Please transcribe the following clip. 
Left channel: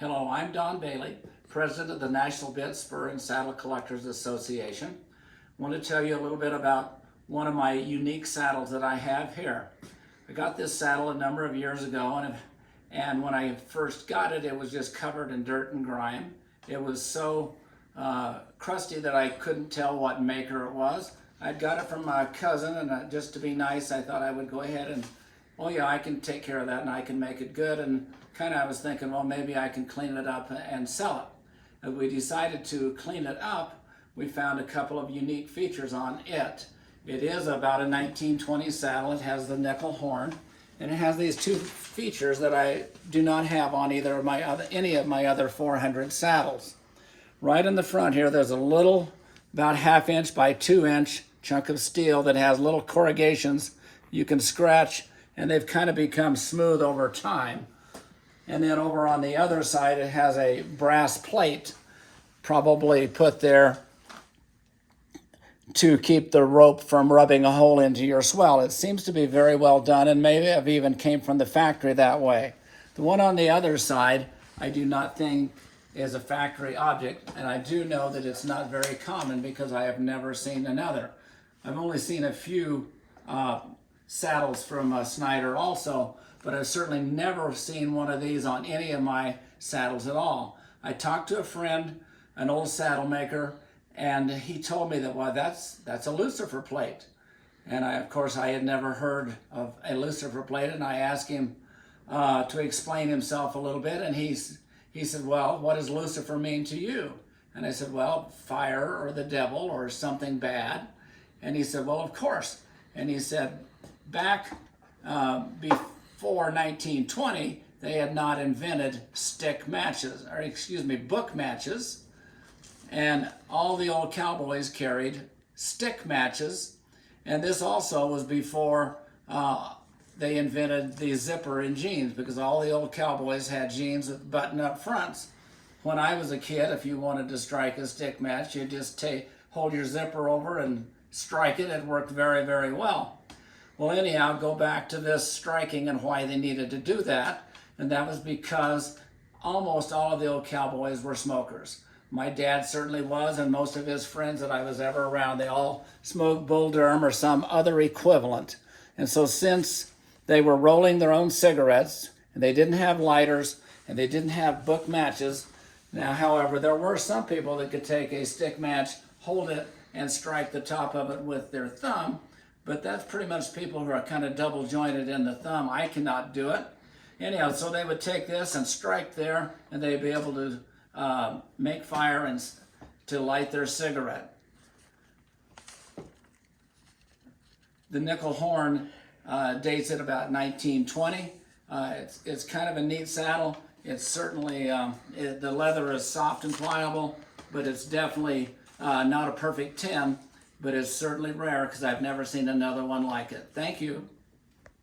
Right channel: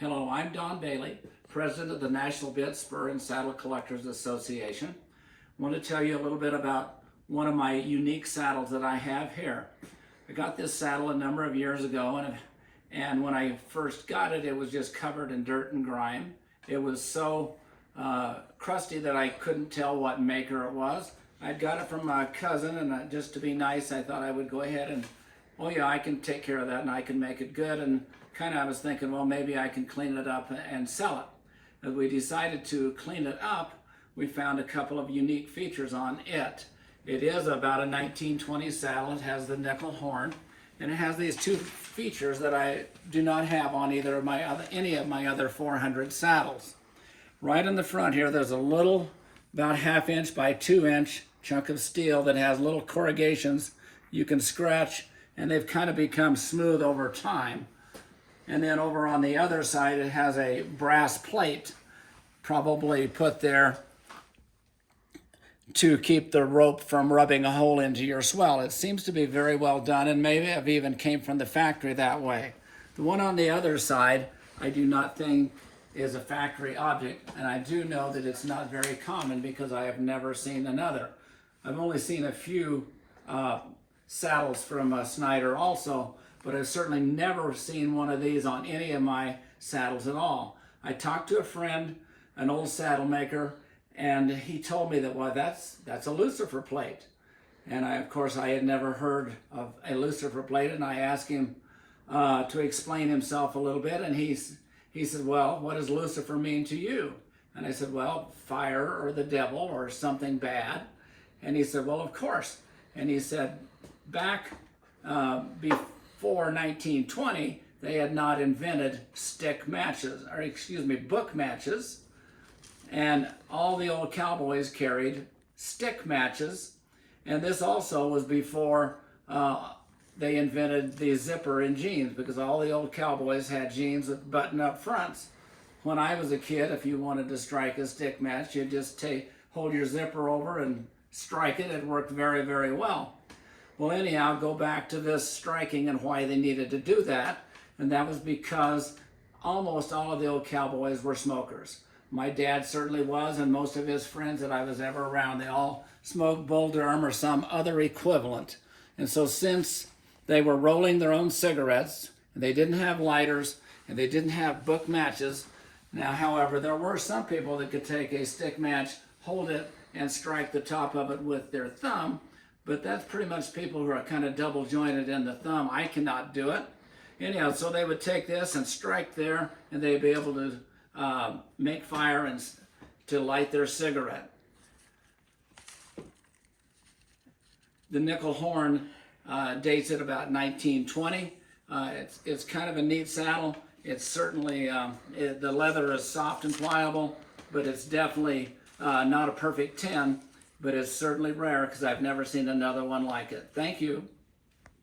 Hello, I'm Don Bailey, President of the National Bit, Spur, and Saddle Collectors Association. I want to tell you a little bit about one of my unique saddles that I have here. I got this saddle a number of years ago, and when I first got it, it was just covered in dirt and grime. It was so crusty that I couldn't tell what maker it was. I'd got it from my cousin, and just to be nice, I thought I would go ahead and, oh yeah, I can take care of that and I can make it good. And kind of I was thinking, well, maybe I can clean it up and sell it. As we decided to clean it up, we found a couple of unique features on it. It is about a 1920 saddle. It has the nickel horn, and it has these two features that I do not have on any of my other 400 saddles. Right in the front here, there's a little, about 1/2 inch by 2 inch chunk of steel that has little corrugations you can scratch, and they've kind of become smooth over time. And then over on the other side, it has a brass plate, probably put there to keep the rope from rubbing a hole into your swell. It seems to be very well done, and maybe it even came from the factory that way. The one on the other side, I do not think is a factory object, and I do know that it's not very common because I have never seen another. I've only seen a few saddles from Synder also, but I've certainly never seen one of these on any of my saddles at all. I talked to a friend, an old saddle maker, and he told me that, well, that's a Lucifer Plate. And of course, I had never heard of a Lucifer Plate, and I asked him to explain himself a little bit, and he said, well, what does Lucifer mean to you? And I said, well, fire or the devil or something bad. And he said, well, of course. And he said, back before 1920, they had not invented book matches. And all the old cowboys carried stick matches. And this also was before they invented the zipper in jeans, because all the old cowboys had jeans with button-up fronts. When I was a kid, if you wanted to strike a stick match, you'd just hold your zipper over and strike it. It worked very, very well. Well, anyhow, go back to this striking and why they needed to do that. And that was because almost all of the old cowboys were smokers. My dad certainly was, and most of his friends that I was ever around, they all smoked Bull Durham or some other equivalent. And so since they were rolling their own cigarettes, and they didn't have lighters, and they didn't have book matches. Now, however, there were some people that could take a stick match, hold it, and strike the top of it with their thumb, but that's pretty much people who are kind of double jointed in the thumb. I cannot do it. Anyhow, so they would take this and strike there, and they'd be able to make fire and to light their cigarette. The nickel horn dates at about 1920. It's kind of a neat saddle. It's certainly, the leather is soft and pliable, but it's definitely not a perfect 10, but it's certainly rare because I've never seen another one like it. Thank you.